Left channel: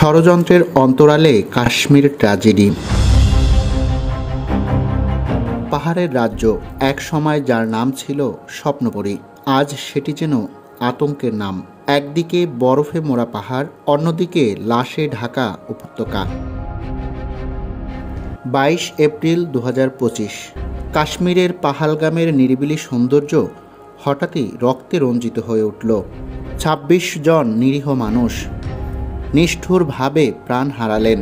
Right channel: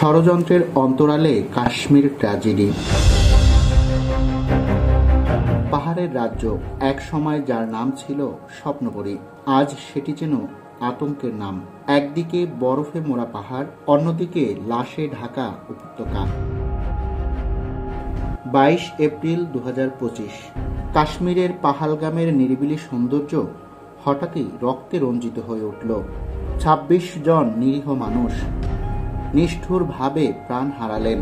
ষড়যন্ত্রের অন্তরালে কাশ্মীর ট্র্যাজেডি। পাহাড়ের রাজ্য, এক সময় যার নাম ছিল স্বপ্নপুরী, আজ সেটি যেন আতঙ্কের নাম। একদিকে বরফে মোড়া পাহাড়, অন্যদিকে লাশে ঢাকা উপত্যকা। 22 এপ্রিল 2025। কাশ্মীরের পাহালগামের নিরিবিলি সৌন্দর্য হঠাৎই রক্তে রঞ্জিত হয়ে উঠল। 26 জন নিরীহ মানুষ নিষ্ঠুরভাবে প্রাণ হারালেন।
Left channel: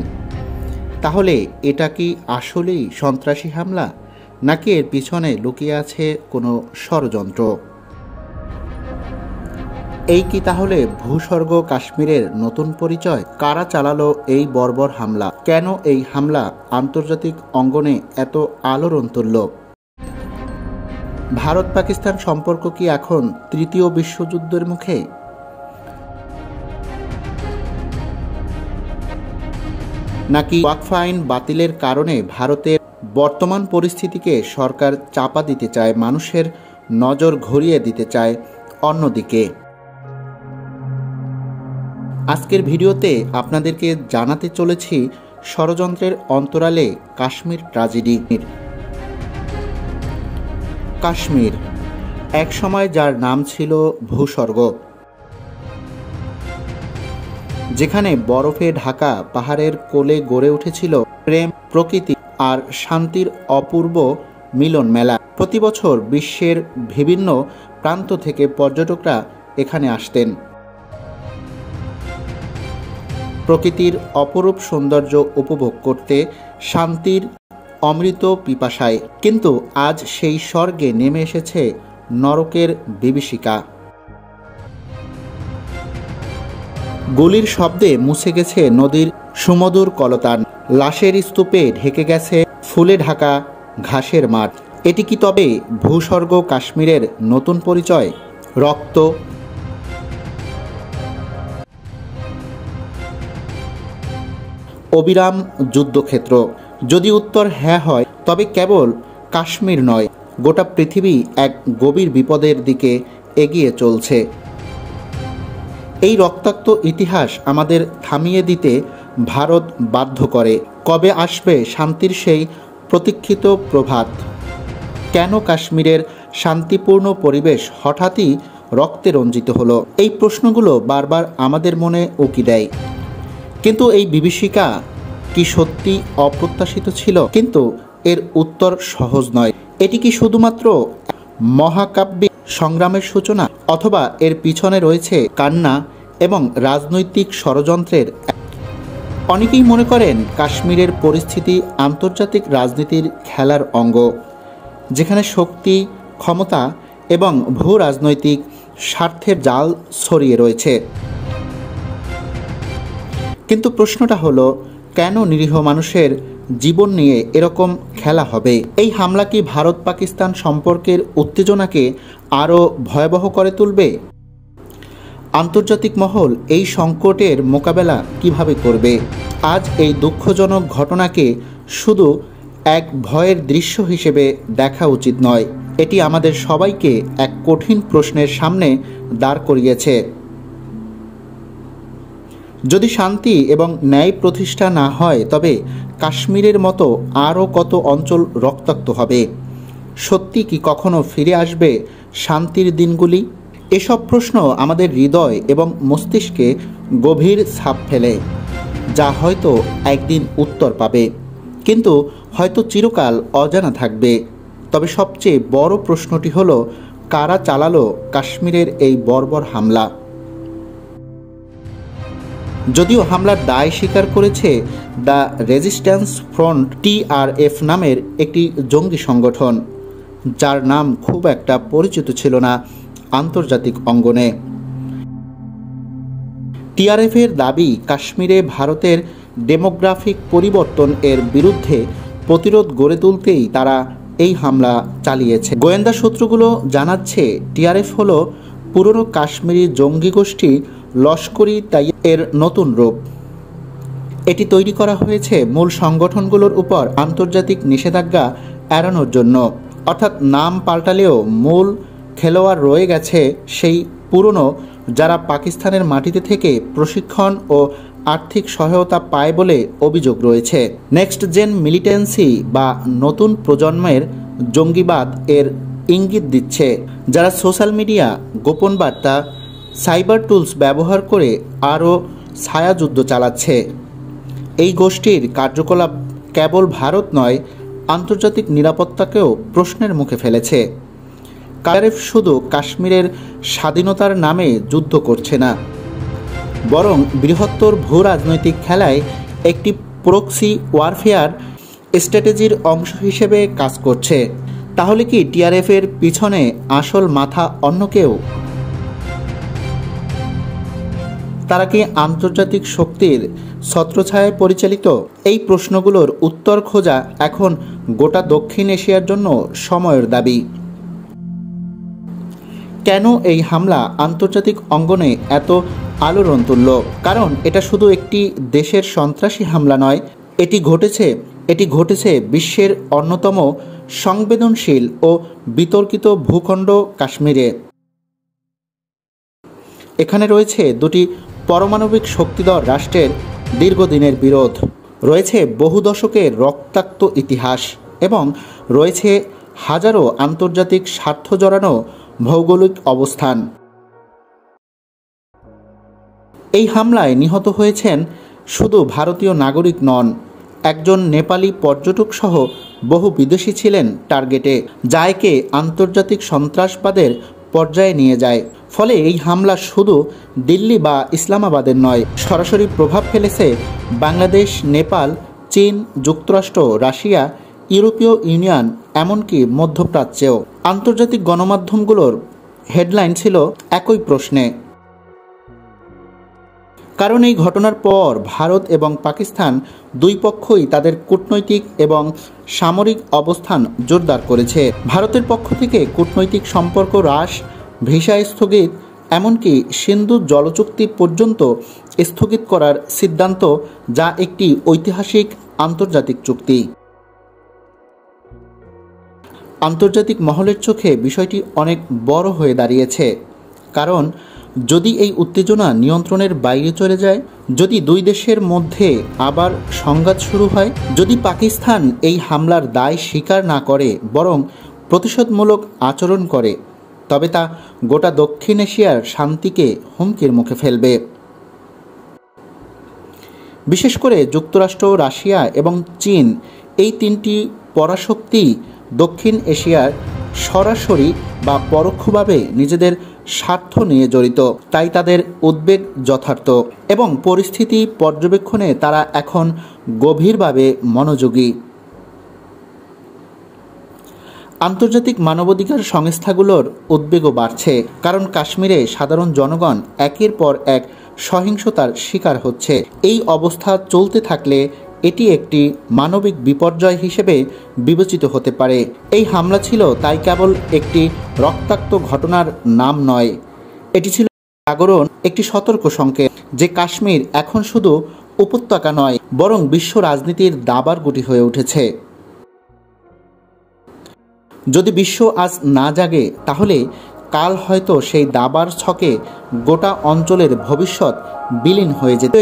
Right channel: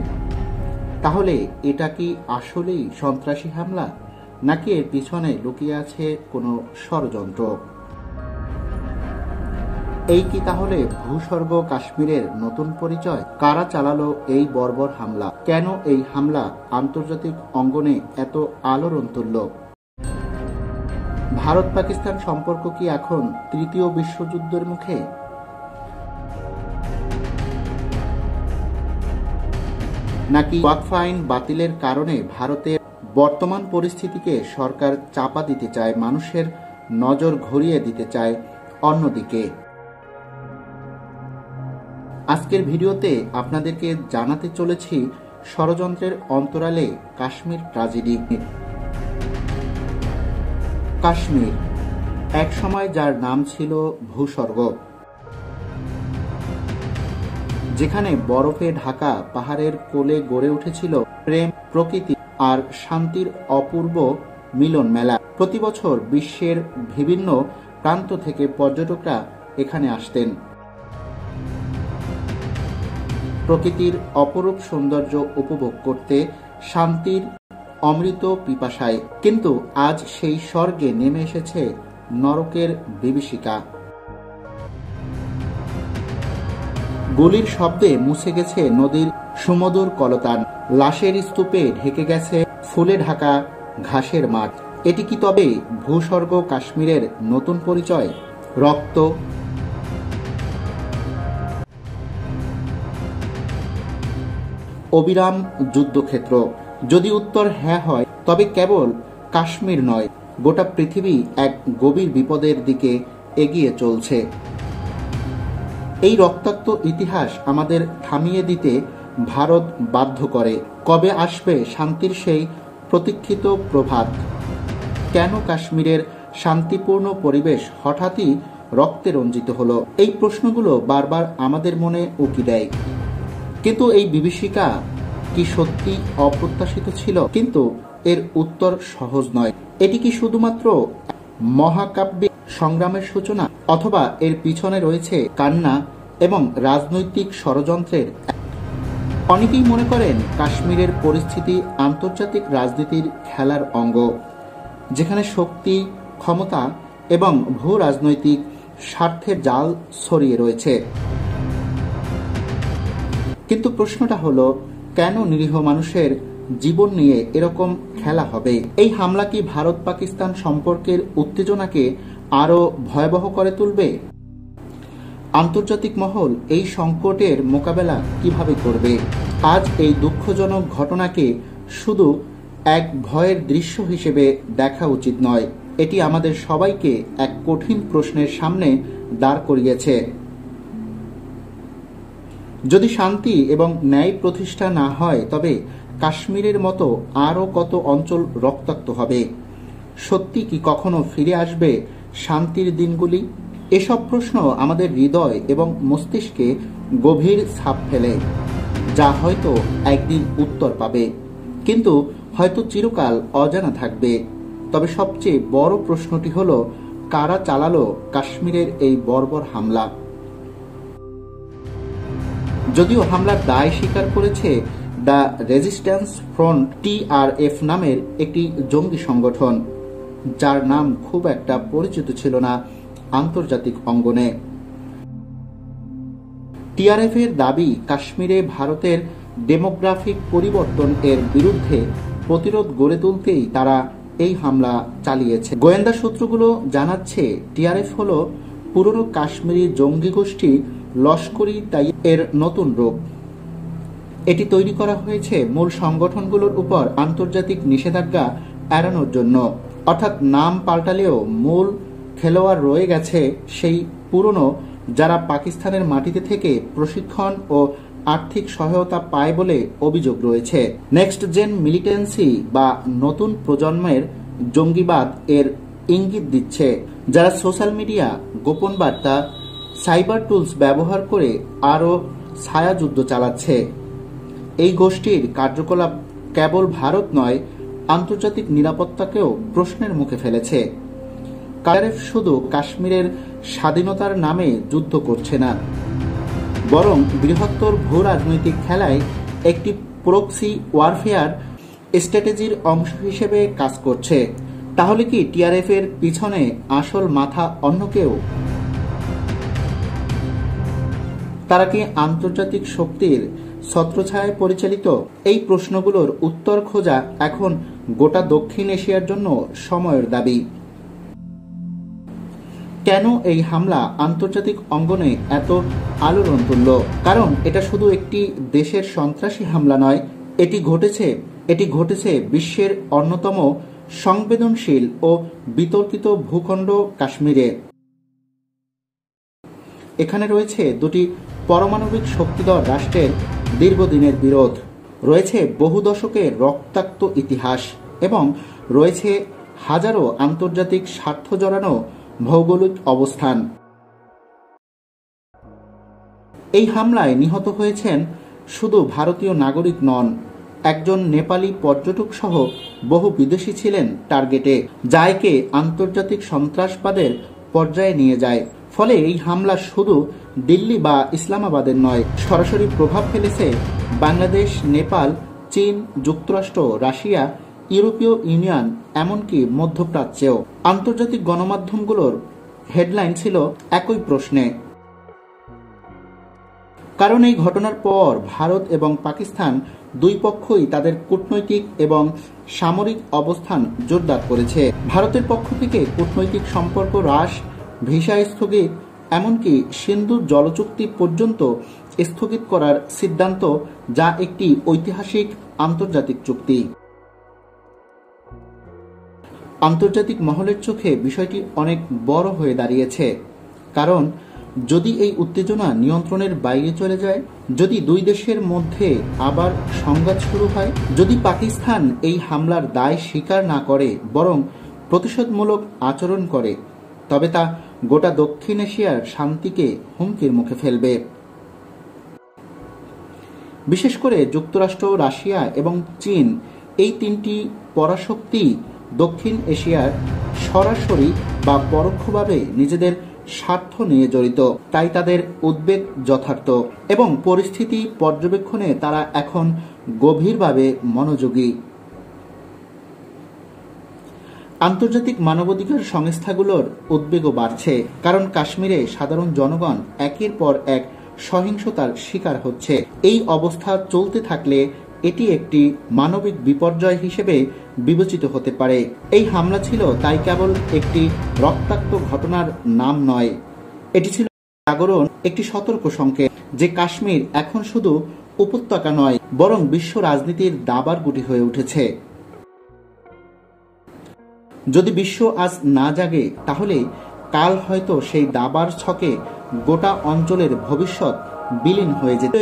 তাহলে এটা কি আসলেই সন্ত্রাসী হামলা, নাকি এর পিছনে লুকিয়ে আছে কোনো ষড়যন্ত্র? এই কি তাহলে ভূস্বর্গ কাশ্মীরের নতুন পরিচয়? কারা চালালো এই বর্বর হামলা? কেন এই হামলা আন্তর্জাতিক অঙ্গনে এত আলোড়ন তুলল? ভারত পাকিস্তান সম্পর্ক কি এখন তৃতীয় বিশ্বযুদ্ধের মুখে? নাকি ওয়াকফ আইন বাতিলের কারণে ভারতের বর্তমান পরিস্থিতিকে সরকার চাপা দিতে চায়, মানুষের নজর ঘুরিয়ে দিতে চায় অন্যদিকে? আজকের ভিডিওতে আপনাদেরকে জানাতে চলেছি ষড়যন্ত্রের অন্তরালে কাশ্মীর ট্র্যাজেডি। কাশ্মীর, এক সময় যার নাম ছিল ভূস্বর্গ, যেখানে বরফে ঢাকা পাহাড়ের কোলে গড়ে উঠেছিল প্রেম, প্রকৃতি আর শান্তির অপূর্ব মিলন মেলা। প্রতি বছর বিশ্বের বিভিন্ন প্রান্ত থেকে পর্যটকরা এখানে আসতেন প্রকৃতির অপরূপ সৌন্দর্য উপভোগ করতে, শান্তির অমৃত পিপাসায়। কিন্তু আজ সেই স্বর্গে নেমে এসেছে নরকের বিভীষিকা। গুলির শব্দে মুছে গেছে নদীর সুমধুর কলতান, লাশের স্তূপে ঢেকে গেছে ফুলে ঢাকা ঘাসের মাঠ। এটি কি তবে ভূস্বর্গ কাশ্মীরের নতুন পরিচয়? রক্ত, অবিরাম যুদ্ধক্ষেত্র? যদি উত্তর হ্যাঁ হয়, তবে কেবল কাশ্মীর নয়, গোটা পৃথিবী এক গভীর বিপদের দিকে এগিয়ে চলছে। এই রক্তাক্ত ইতিহাস আমাদের থামিয়ে দিতে ভারত বাধ্য করে। কবে আসবে শান্তির সেই প্রতীক্ষিত প্রভাত? কেন কাশ্মীরের শান্তিপূর্ণ পরিবেশ হঠাৎই রক্তে রঞ্জিত হলো? এই প্রশ্নগুলো বারবার আমাদের মনে উকি দেয়। কিন্তু এই বিভীষিকা কি সত্যি অপ্রত্যাশিত ছিল? কিন্তু এর উত্তর সহজ নয়। এটি কি শুধুমাত্র মহাকাব্যিক সংগ্রামের সূচনা, অথবা এর পিছনে রয়েছে কান্না এবং রাজনৈতিক ষড়যন্ত্রের? অনেকেই মনে করেন কাশ্মীরের পরিস্থিতি আন্তর্জাতিক রাজনীতির খেলার অঙ্গ, যেখানে শক্তি, ক্ষমতা এবং ভূ রাজনৈতিক স্বার্থের জাল ছড়িয়ে রয়েছে। কিন্তু প্রশ্নটা হলো, কেন নিরীহ মানুষের জীবন নিয়ে এরকম খেলা হবে? এই হামলা কি ভারত পাকিস্তান সম্পর্কের উত্তেজনাকে আরও ভয়াবহ করে তুলবে? আন্তর্জাতিক মহল এই সংকটের মোকাবেলা কিভাবে করবে? আজ এই দুঃখজনক ঘটনাকে শুধু এক ভয়ের দৃশ্য হিসেবে দেখা উচিত নয়। এটি আমাদের সবাইকে এক কঠিন প্রশ্নের সামনে দাঁড় করিয়েছে। যদি শান্তি এবং ন্যায় প্রতিষ্ঠা না হয়, তবে কাশ্মীরের মতো আরও কত অঞ্চল রক্তাক্ত হবে? সত্যি কি কখনো ফিরে আসবে শান্তির দিনগুলি? এসব প্রশ্ন আমাদের হৃদয় এবং মস্তিষ্কে গভীর ছাপ ফেলে, যা হয়তো একদিন উত্তর পাবে, কিন্তু হয়তো চিরকাল অজানা থাকবে। তবে সবচেয়ে বড় প্রশ্নটি হলো, কারা চালালো কাশ্মীরের এই বর্বর হামলা? যদিও হামলার দায় স্বীকার করেছে দ্য রেজিস্ট্যান্স ফ্রন্ট, TRF নামের একটি জঙ্গি সংগঠন, যার নাম খুব একটা পরিচিত ছিল না আন্তর্জাতিক অঙ্গনে। TRF এর দাবি, কাশ্মীরে ভারতের ডেমোগ্রাফিক পরিবর্তন এর বিরুদ্ধে প্রতিরোধ গড়ে তুলতেই তারা এই হামলা চালিয়েছে। গোয়েন্দা সূত্রগুলো জানাচ্ছে, TRF হলো পুরনো কাশ্মীরি জঙ্গি গোষ্ঠী লস্করি তাইয়ের নতুন রূপ। এটি তৈরি করা হয়েছে মূল সংগঠনগুলোর উপর আন্তর্জাতিক নিষেধাজ্ঞা এড়ানোর জন্য। অর্থাৎ নাম পাল্টালেও মূল খেলোয়াড় রয়ে গেছে সেই পুরনো যারা পাকিস্তানের মাটিতে থেকে প্রশিক্ষণ ও আর্থিক সহায়তা পায় বলে অভিযোগ রয়েছে। নেক্সট জেন মিলিটেন্সি বা নতুন প্রজন্মের জঙ্গিবাদ এর ইঙ্গিত দিচ্ছে, যারা সোশ্যাল মিডিয়া, গোপন বার্তা, সাইবার টুলস ব্যবহার করে আরও ছায়াযুদ্ধ চালাচ্ছে। এই গোষ্ঠীর কার্যকলাপ কেবল ভারত নয়, আন্তর্জাতিক নিরাপত্তাকেও প্রশ্নের মুখে ফেলেছে। কারেফ শুধু কাশ্মীরের স্বাধীনতার নামে যুদ্ধ করছে না, বরং বৃহত্তর ভূ রাজনৈতিক খেলায় একটি প্রক্সি ওয়ারফেয়ার স্ট্র্যাটেজির অংশ হিসেবে কাজ করছে। তাহলে কি টিআরএফের পিছনে আসল মাথা অন্য কেউ? তারা কি আন্তর্জাতিক শক্তির ছত্রছায়ায় পরিচালিত? এই প্রশ্নগুলোর উত্তর খোঁজা এখন গোটা দক্ষিণ এশিয়ার জন্য সময়ের দাবি। কেন এই হামলা আন্তর্জাতিক অঙ্গনে এত আলোড়ন তুলল? কারণ এটা শুধু একটি দেশের সন্ত্রাসী হামলা নয়, এটি ঘটেছে বিশ্বের অন্যতম সংবেদনশীল ও বিতর্কিত ভূখণ্ড কাশ্মীরে। এখানে রয়েছে দুটি পারমাণবিক শক্তিধর রাষ্ট্রের দীর্ঘদিনের বিরোধ, রয়েছে বহু দশকের রক্তাক্ত ইতিহাস এবং রয়েছে হাজারো আন্তর্জাতিক স্বার্থ জড়ানো ভৌগোলিক অবস্থান। এই হামলায় নিহত হয়েছেন শুধু ভারতীয় নাগরিক নন, একজন নেপালি পর্যটক সহ বহু বিদেশি ছিলেন টার্গেটে, যা একে আন্তর্জাতিক সন্ত্রাসবাদের পর্যায়ে নিয়ে যায়। ফলে এই হামলা শুধু দিল্লি বা ইসলামাবাদের নয়, সরাসরি প্রভাব ফেলেছে বাংলাদেশ, নেপাল, চীন, যুক্তরাষ্ট্র, রাশিয়া, ইউরোপীয় ইউনিয়ন, এমনকি মধ্যপ্রাচ্যেও। আন্তর্জাতিক গণমাধ্যমগুলোর হেডলাইন ছিল একই প্রশ্নে। কারণ এই ঘটনার পর ভারত এবং পাকিস্তান দুই পক্ষই তাদের কূটনৈতিক এবং সামরিক অবস্থান জোরদার করেছে। ভারতের পক্ষ থেকে কূটনৈতিক সম্পর্ক হ্রাস, ভিসা স্থগিত, এমনকি সিন্ধু জলচুক্তি পর্যন্ত স্থগিত করার সিদ্ধান্ত, যা একটি ঐতিহাসিক আন্তর্জাতিক চুক্তি। আন্তর্জাতিক মহলের চোখে বিষয়টি অনেক বড় হয়ে দাঁড়িয়েছে, কারণ যদি এই উত্তেজনা নিয়ন্ত্রণের বাইরে চলে যায়, যদি দুই দেশের মধ্যে আবার সংঘাত শুরু হয়, যদি পাকিস্তান এই হামলার দায় স্বীকার না করে বরং প্রতিশোধমূলক আচরণ করে, তবে তা গোটা দক্ষিণ এশিয়ার শান্তিকে হুমকির মুখে ফেলবে। বিশেষ করে যুক্তরাষ্ট্র, রাশিয়া এবং চীন, এই তিনটি পরাশক্তি দক্ষিণ এশিয়ার সরাসরি বা পরোক্ষভাবে নিজেদের স্বার্থ নিয়ে জড়িত, তাই তাদের উদ্বেগ যথার্থ এবং পরিস্থিতি পর্যবেক্ষণে তারা এখন গভীরভাবে মনোযোগী। আন্তর্জাতিক মানবাধিকার সংস্থাগুলোর উদ্বেগও বাড়ছে, কারণ কাশ্মীরে সাধারণ জনগণ একের পর এক সহিংসতার শিকার হচ্ছে। এই অবস্থা চলতে থাকলে এটি একটি মানবিক বিপর্যয় হিসেবে বিবেচিত হতে পারে। এই হামলা ছিল তাই কেবল একটি রক্তাক্ত ঘটনার নাম নয়, এটি ছিল জাগরণ, একটি সতর্ক সংকেত যে কাশ্মীর এখন শুধু উপত্যকা নয়, বরং বিশ্ব রাজনীতির দাবার গুটি হয়ে উঠেছে। যদি বিশ্ব আজ না জাগে, তাহলে কাল হয়তো সেই দাবার ছকে গোটা অঞ্চলের ভবিষ্যৎ বিলীন হয়ে যেত।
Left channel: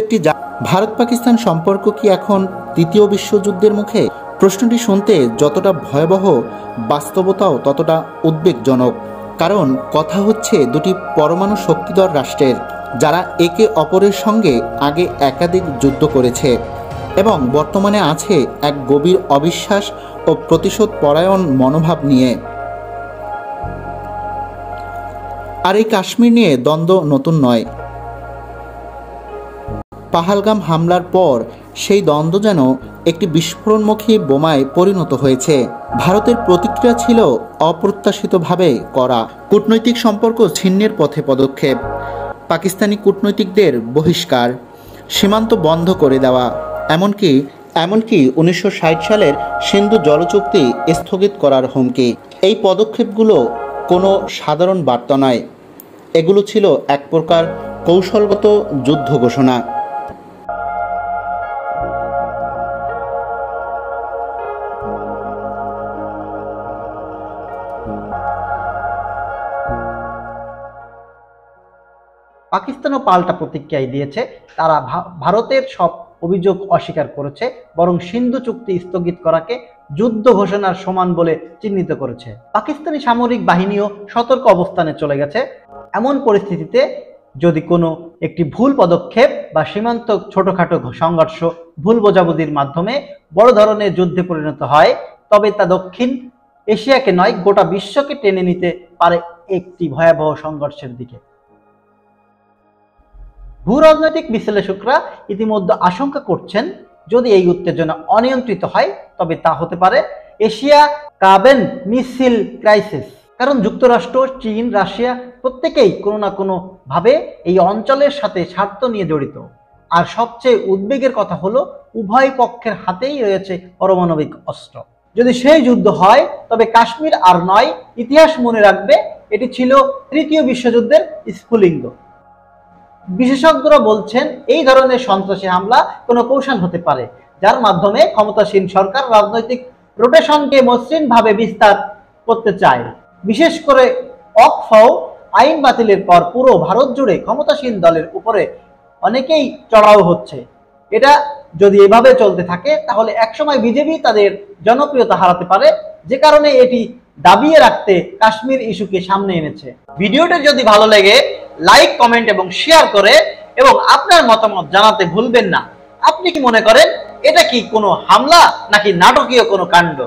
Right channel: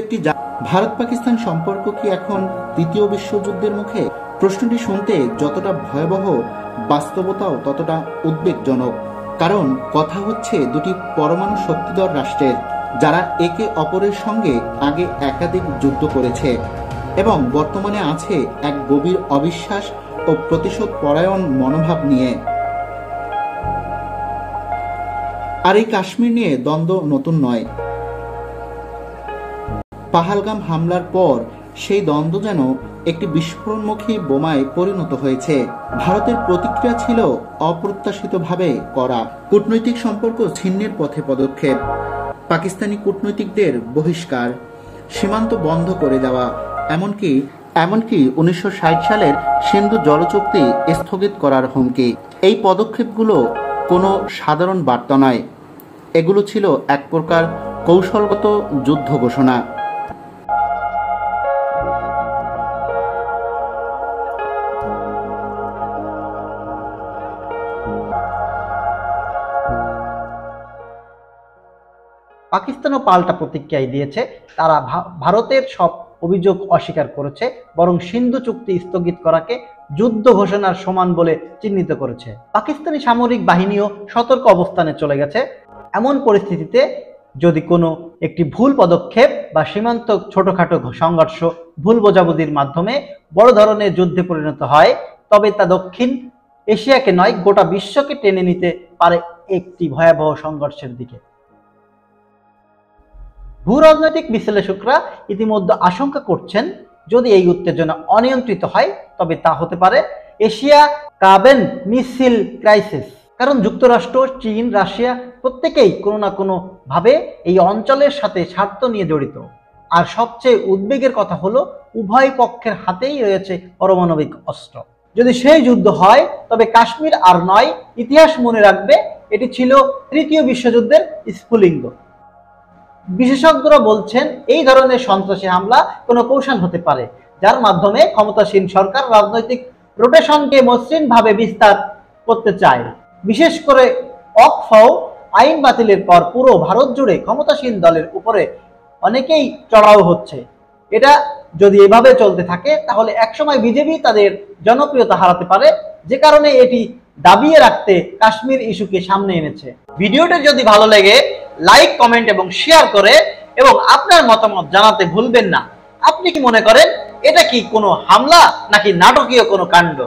ভারত পাকিস্তান সম্পর্ক কি এখন তৃতীয় বিশ্বযুদ্ধের মুখে? প্রশ্নটি শুনতে যতটা ভয়াবহ, বাস্তবতাও ততটা উদ্বেগজনক। কারণ কথা হচ্ছে দুটি পরমাণু শক্তিধর রাষ্ট্রের, যারা একে অপরের সঙ্গে আগে একাধিক যুদ্ধ করেছে এবং বর্তমানে আছে এক গভীর অবিশ্বাস ও প্রতিশোধ পরায়ণ মনোভাব নিয়ে। আর এই কাশ্মীর নিয়ে দ্বন্দ্ব নতুন নয়। পাহালগাম হামলার পর সেই দ্বন্দ্ব যেন একটি বিস্ফোরণমুখী বোমায় পরিণত হয়েছে। ভারতের প্রতিক্রিয়া ছিল অপ্রত্যাশিতভাবে করা, কূটনৈতিক সম্পর্ক ছিন্নের পথে পদক্ষেপ, পাকিস্তানি কূটনৈতিকদের বহিষ্কার, সীমান্ত বন্ধ করে দেওয়া, এমনকি 1960 সালের সিন্ধু জলচুক্তি স্থগিত করার হুমকি। এই পদক্ষেপগুলো কোনো সাধারণ বার্তা নয়, এগুলো ছিল এক প্রকার কৌশলগত যুদ্ধ ঘোষণা। পাকিস্তানও পাল্টা প্রতিক্রিয়ায় দিয়েছে। তারা ভারতের সব অভিযোগ অস্বীকার করেছে, বরং সিন্ধু চুক্তি স্থগিত করাকে যুদ্ধ ঘোষণার সমান বলে চিহ্নিত করেছে। পাকিস্তানি সামরিক বাহিনীও সতর্ক অবস্থানে চলে গেছে। এমন পরিস্থিতিতে যদি কোনো একটি ভুল পদক্ষেপ বা সীমান্ত ছোটখাটো সংঘর্ষ, ভুল বোঝাবুঝির মাধ্যমে বড় ধরনের যুদ্ধে পরিণত হয়, তবে তা দক্ষিণ এশিয়াকে নয়, গোটা বিশ্বকে টেনে নিতে পারে একটি ভয়াবহ সংঘর্ষের দিকে। ভূরাজনৈতিক বিশ্লেষকরা ইতিমধ্যে আশঙ্কা করছেন, যদি এই উত্তেজনা অনিয়ন্ত্রিত হয় তবে তা হতে পারে এশিয়া কাবেন মিসাইল ক্রাইসিস। কারণ যুক্তরাষ্ট্র, চীন, রাশিয়া প্রত্যেকেই কোনো না কোনো ভাবে এই অঞ্চলের সাথে স্বার্থ নিয়ে জড়িত। আর সবচেয়ে উদ্বেগের কথা হলো, উভয় পক্ষের হাতেই রয়েছে পারমাণবিক অস্ত্র। যদি সেই যুদ্ধ হয় তবে কাশ্মীর আর নয়, ইতিহাস মনে রাখবে এটি ছিল তৃতীয় বিশ্বযুদ্ধের স্ফুলিঙ্গ। বিশেষজ্ঞরা বলছেন, এই ধরনের সন্ত্রাসী হামলা কোনো কৌশল হতে পারে, যার মাধ্যমে ক্ষমতাসীন সরকার রাজনৈতিক রোটেশনকে মসৃণভাবে বিস্তার করতে চায়। বিশেষ করে ওয়াকফ আইন বাতিলের পর পুরো ভারত জুড়ে ক্ষমতাসীন দলের উপরে অনেকেই চড়াও হচ্ছে। এটা যদি এভাবে চলতে থাকে তাহলে একসময় বিজেপি তাদের জনপ্রিয়তা হারাতে পারে, যে কারণে এটি দাবিয়ে রাখতে কাশ্মীর ইস্যুকে সামনে এনেছে। ভিডিওটা যদি ভালো লাগে লাইক, কমেন্ট এবং শেয়ার করে এবং আপনার মতামত জানাতে ভুলবেন না। আপনি কি মনে করেন, এটা কি কোনো হামলা নাকি নাটকীয় কোনো কাণ্ড?